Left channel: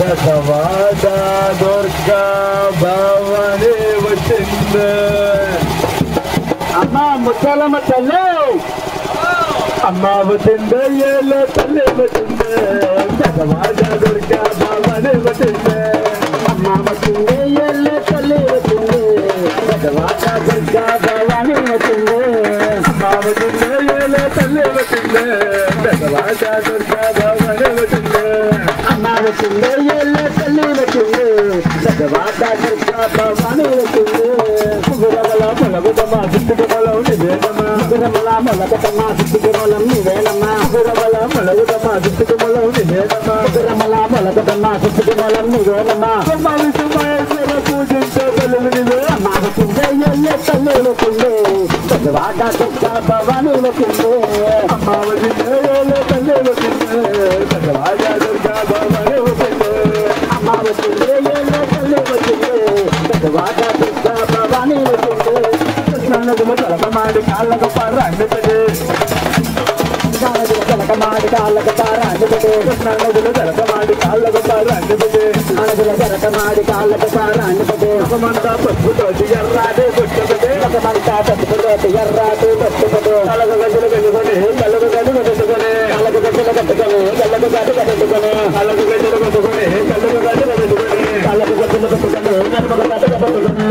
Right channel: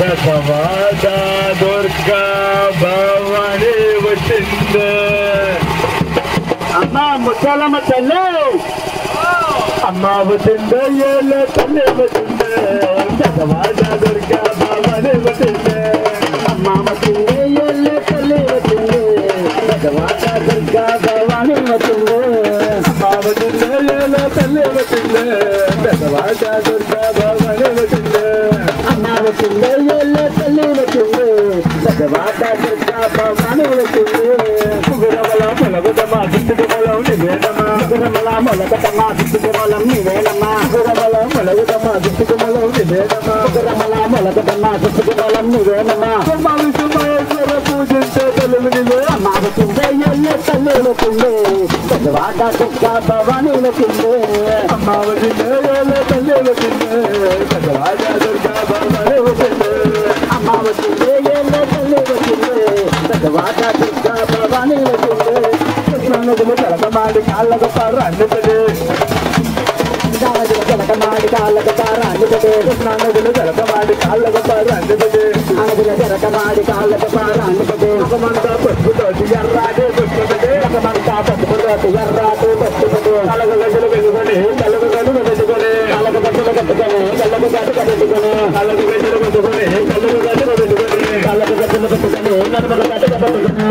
బసవాడ దుర్గా భవాని వచ్చింది అమ్మ ముత్యాలమ్మ తల్లి అమ్మ వచ్చింది ఏళ్ళ తల్లి వచ్చింది బసవాడ దుర్గా భవాని వచ్చింది అమ్మ వచ్చింది ఏళ్ళ తల్లి వచ్చింది బసవాడ దుర్గా భవాని వచ్చింది అమ్మ వచ్చింది ఏళ్ళ తల్లి వచ్చింది బసవాడ దుర్గా భవాని వచ్చింది అమ్మ వచ్చింది ఏళ్ళ తల్లి వచ్చింది బసవాడ దుర్గా భవాని వచ్చింది గురవల మొలగుదమ్మ దుట్టుగమలం నివేదమ్మ గురవల మొలగదమ్మ దుట్టుగమలం నివేదమ్మ గురవల మొలగుదమ్మ దుట్టుగమలం నివేదమ్మ గురవల మొలగదమ్మ దుట్టుగమలం నివేదమ్మ పూజించే తల్లినివే అమ్మ వచ్చింది ఏళ్ళ తల్లి వచ్చింది బసవాడ దుర్గా భవాని వచ్చింది అమ్మ వచ్చింది ఏళ్ళ తల్లి వచ్చింది బసవాడ దుర్గా భవాని వచ్చింది అమ్మ వచ్చింది ఏళ్ళ తల్లి వచ్చింది బసవాడ దుర్గా భవాని వచ్చింది కృష్ణానదిలో జలకమాడి కాళ్ళకు పార అందుతుంది జలకమాడి కాళ్ళకు పార అందుతుంది కృష్ణానదిలో జలకమాడి కాళ్ళకు పార అందుతుంది నదిలో జలకమాడి కాళ్ళకు పార అందుతుంది ఒకమంతా పట్టుకోటి ఎర్రాదే పుట్టుతుంది ఒకమంతా పట్టుకోటి ఎర్రాదే పుట్టుతుంది కళ్ళకు గడ్డలు పెట్టుకొని కళ్ళకు గడ్డలు పెట్టుకొని కళ్ళకు గడ్డలు కట్టుకొని కళ్ళకు గడ్డ కట్టుకొని కళ్ళకు గడ్డలు పెట్టుకొని కళ్ళకు గడ్డలు పెట్టుకొని కళ్ళకు గడ్డలు పెట్టుకొని నడుమకు గడ్డ పెట్టుకొని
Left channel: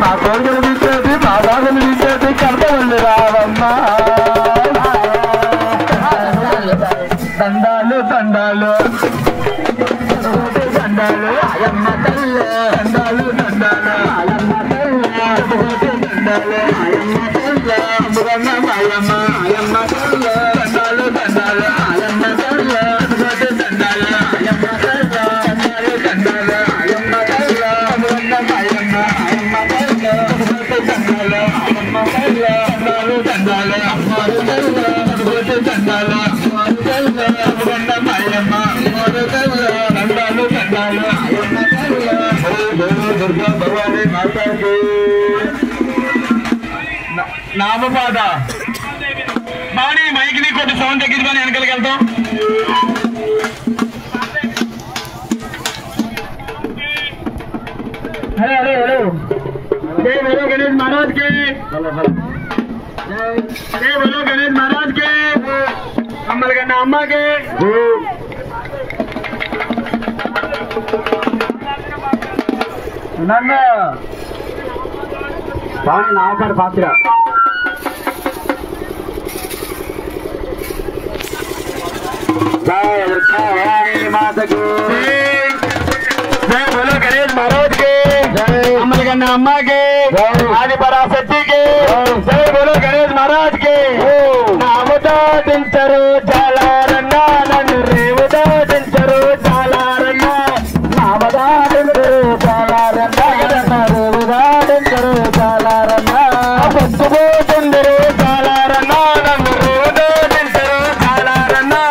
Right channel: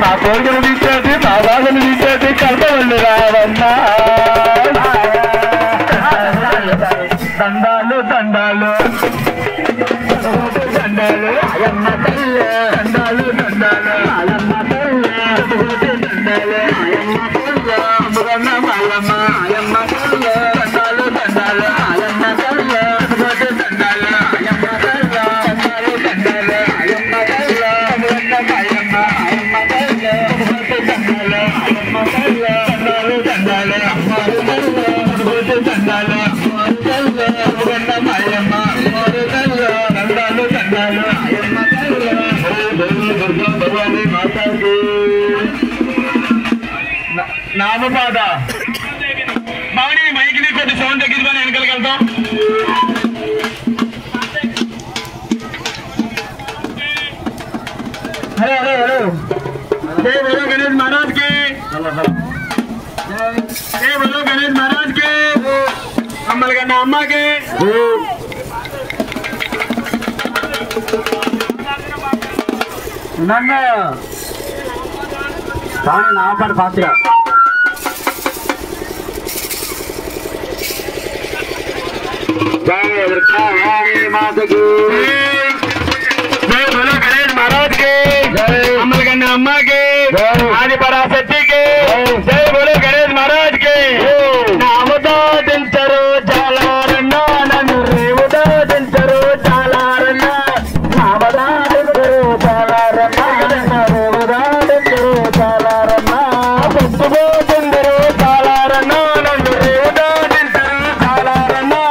మా కోరికలు తీసేది మా బాధలు తీసేది కలపవల్లి రావమ్మా దండాలు దండాలు దండాలు అయమ్మ తల్లి దండాలు దండాలు అయమ్మ తల్లి దండాలు అయమ్మ తల్లి అమ్మగన్న మాయమ్మ అయమ్మ తల్లి దండాలు దండాలు అయమ్మ తల్లి దండాలు అయమ్మ తల్లి దండాలు దండాలు అయమ్మ తల్లి అమ్మగన్న మాయమ్మ అయమ్మ తల్లి దండాలు అయమ్మ తల్లి దండాలు దండాలు అమ్మ తల్లి దండాలు నామపాద బాణి మైకిని కొద్ది సౌండ్ తగ్గించుకొని వెనకలికి వెళ్తాం హలో హలో హలో జై బోలో గణేష్ महाराज के जय बोलो गणेश महाराज के अम्मल गन्ना अम्मा के नन्ना पानी नाव पर फातिया जय माता की जय बोलो गणेश महाराज के अम्मल गन्ना अम्मा के आदि पराशक्ति के जय बोलो गणेश महाराज के नामदा दिंचरो जालारन्ना नन्नु रेवदा दिंचरो जालारन्ना नामदा दिंचरो जालारन्ना नन्नु रेवदा दिंचरो जालारन्ना पत्तुगो दिंचरो जालारन्ना नन्नु रेवदा दिंचरो जालारन्ना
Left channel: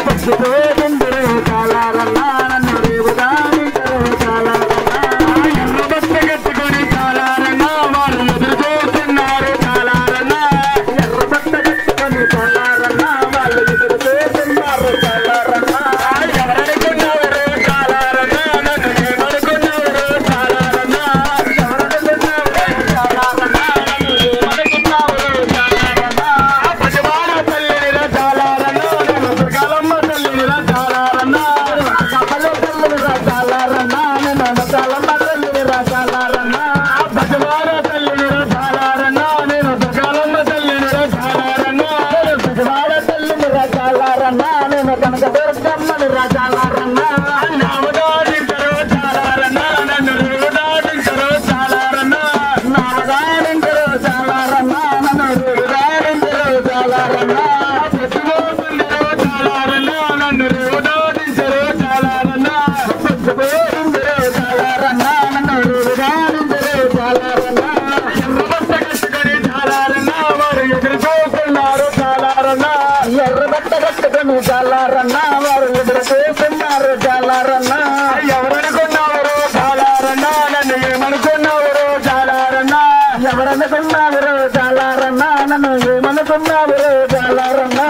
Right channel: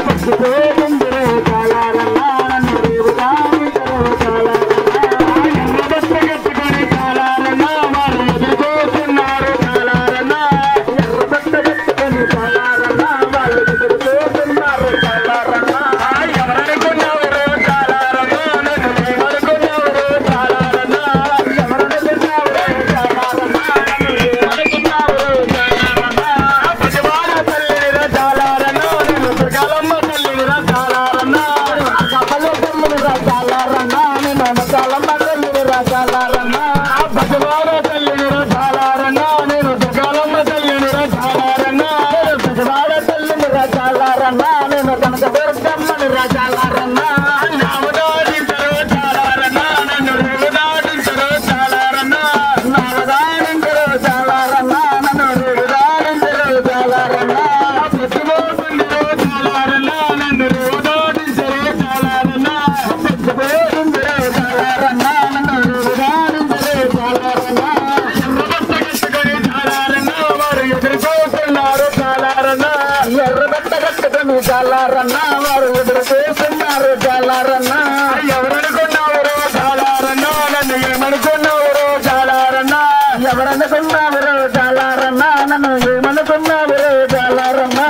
पत्तुगो दिंचरो जालारन्ना నన్ను చాలారన్నా వారు ఎదురు చేస్తున్నారు చాలారన్నా ఎవరనుకున్నావు చాలారన్నా నన్ను ఏమనుకున్నావు చాలారన్నా ఎవరనుకున్నావు చాలారన్నా నన్ను ఏమనుకున్నావు చాలారన్నా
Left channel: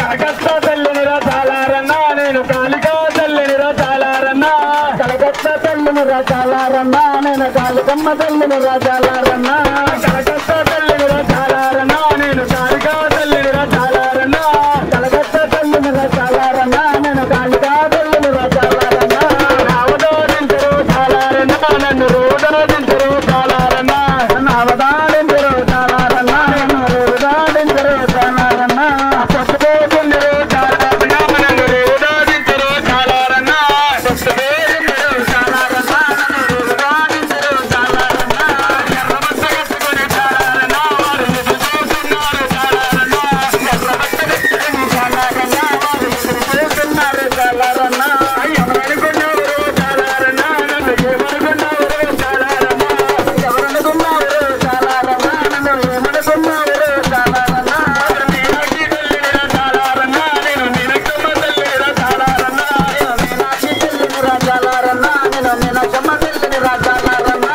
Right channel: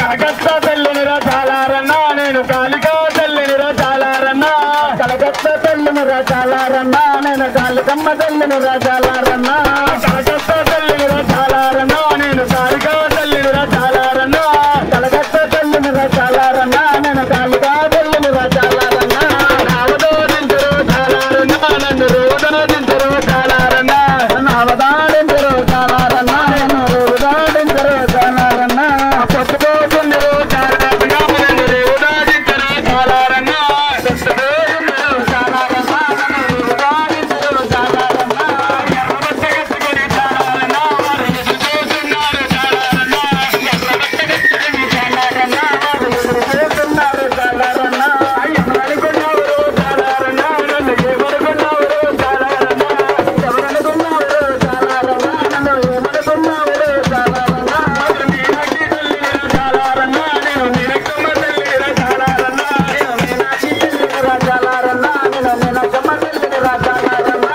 కలకత్తా తల్లినిరా చాలారన్నా నేను కాళికా తల్లినిరా చాలారన్నా కలకత్తా తల్లినిరా చాలారన్నా నేను కాళికమ్మ తల్లినిరా చాలారన్నా కలకత్తా తల్లినిరా చాలారన్నా నేను కాళికా తల్లినిరా చాలారన్నా కలకత్తా తల్లినిరా చాలారన్నా నేను కాళికా తల్లినిరా చాలారన్నా అవదారించరు చాలారన్నా నన్ను రోదారించరు చాలారన్నా అవదారించరు చాలారన్నా నన్ను రోదారించరు చాలారన్నా పట్టుకోకుండరు చాలారన్నా నన్ను రోదారించరు చాలారన్నా పట్టుకోకుండరు చాలారన్నా నన్ను రోదారించరు చాలారన్నా ఎర్రబట్టగట్టుకొని చాలారన్నా వారు ఎదురు చూస్తున్నారు చాలారన్నా ఎర్రబట్టగట్టుకొని చాలారన్నా వారు ఎదురు చూస్తున్నారు చాలారన్నా ఎవరనుకున్నావు చాలారన్నా నన్ను ఏమనుకున్నావు చాలారన్నా ఎవరనుకున్నావు చాలారన్నా నన్ను ఏమనుకున్నావు చాలారన్నా మీనాక్షి తల్లినిరా చాలారన్నా నేను మీనక్కమ్మ తల్లినిరా చాలారన్నా మీనాక్షి తల్లినిరా చాలారన్నా నేను మీనక్కమ్మ తల్లినిరా చాలారన్నా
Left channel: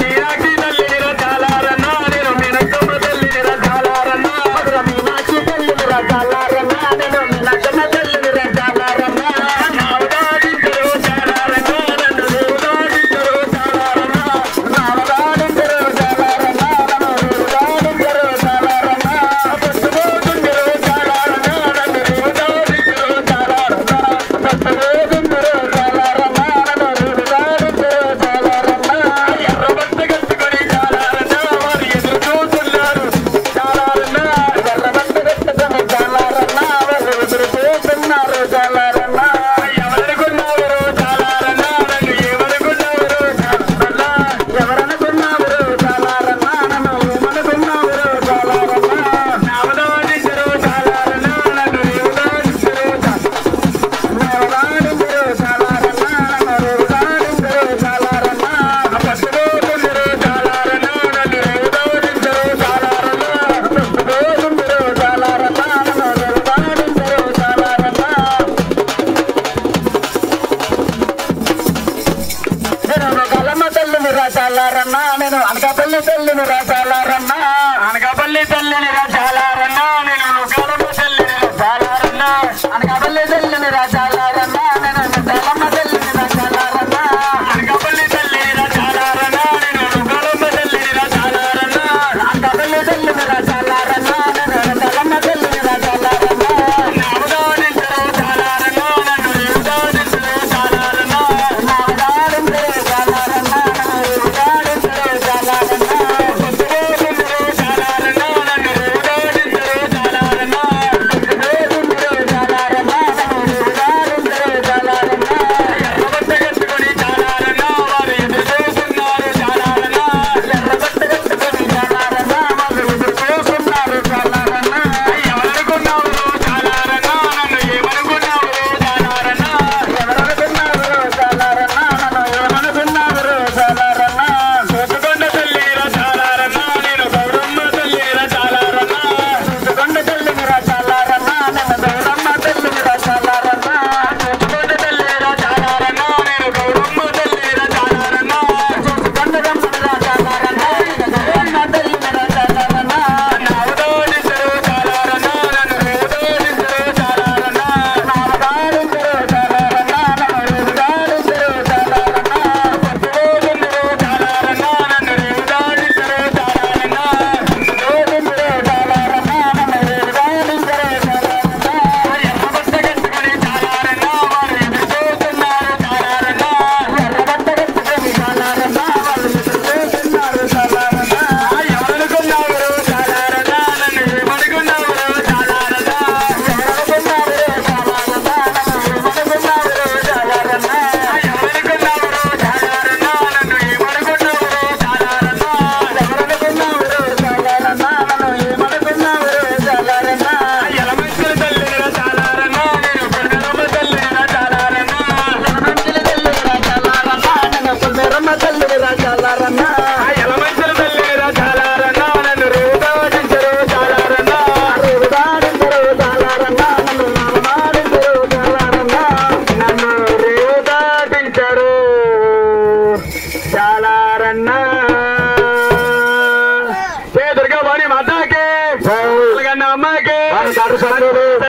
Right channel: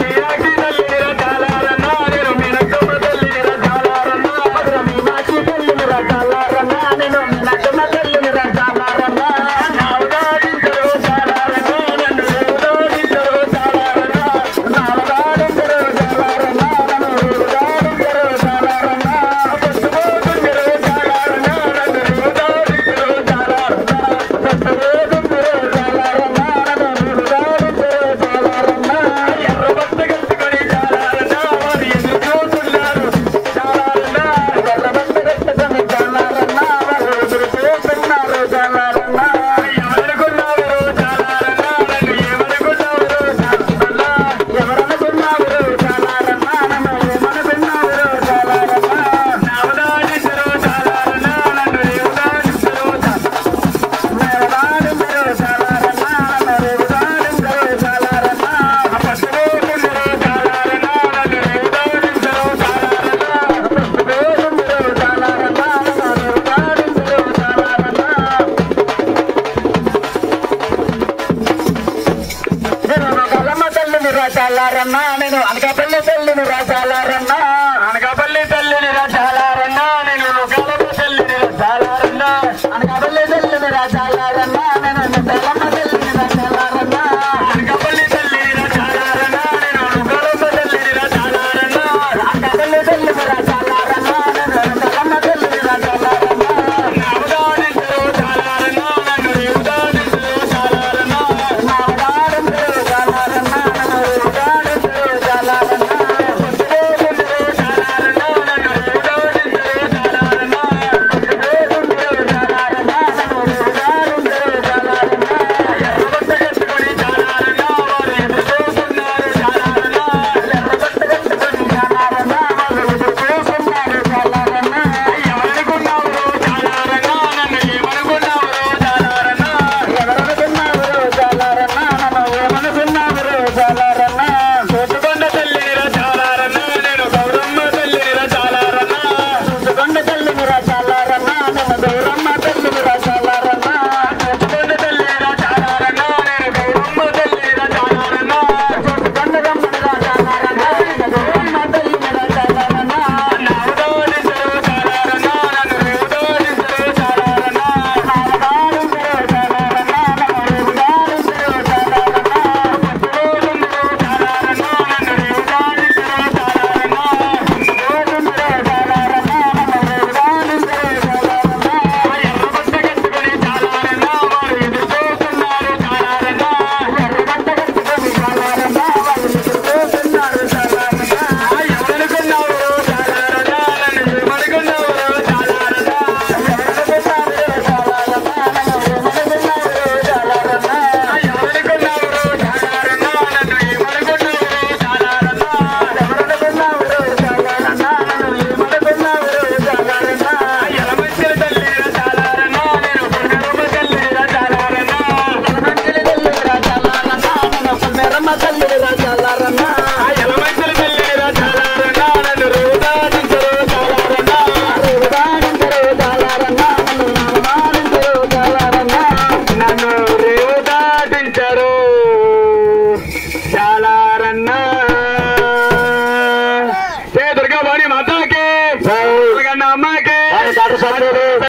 మీనాక్షి తల్లినిరా చాలారన్నా నేను మీనక్కమ్మ తల్లినిరా చాలారన్నా మీనాక్షి తల్లినిరా చాలారన్నా నేను మీనక్కమ్మ తల్లినిరా చాలారన్నా నావదాడించరు చాలారన్నా నన్ను రోదాడించరు చాలారన్నా నావదాడించరు చాలారన్నా నన్ను రోదాడించరు చాలారన్నా పట్టుకోకుండరు చాలారన్నా నన్ను రోదాడించరు చాలారన్నా పట్టుకోకుండరు చాలారన్నా నన్ను రోదాడించరు చాలారన్నా ఎర్రబట్టగట్టుకొని చాలారన్నా వారు ఎదురు చూస్తున్నారు చాలారన్నా ఎర్రబట్టగట్టుకొని చాలారన్నా వారు ఎదురు చూస్తున్నారు చాలారన్నా ఎవరనుకున్నావు చాలారన్నా నన్ను ఏమనుకున్నావు చాలారన్నా ఎవరనుకున్నావు చాలారన్నా నన్ను ఏమనుకున్నావు చాలారన్నా నావదాడించరు చాలారన్నా నన్ను రేవదాడించరు నావదాడించరు చాలారన్నా నన్ను రేవదాడించరు చాలారన్నా పట్టుకోకుండరు చాలారన్నా నన్ను రేవదాడించరు చాలారన్నా పట్టుకోకుండరు చాలారన్నా నన్ను రేవదాడించరు చాలారన్నా నేను కలమ్మ తల్లినిరా చాలారన్నా నేను అనకాపల్లి తల్లినిరా చాలారన్నా అనకాపల్లి తల్లినిరా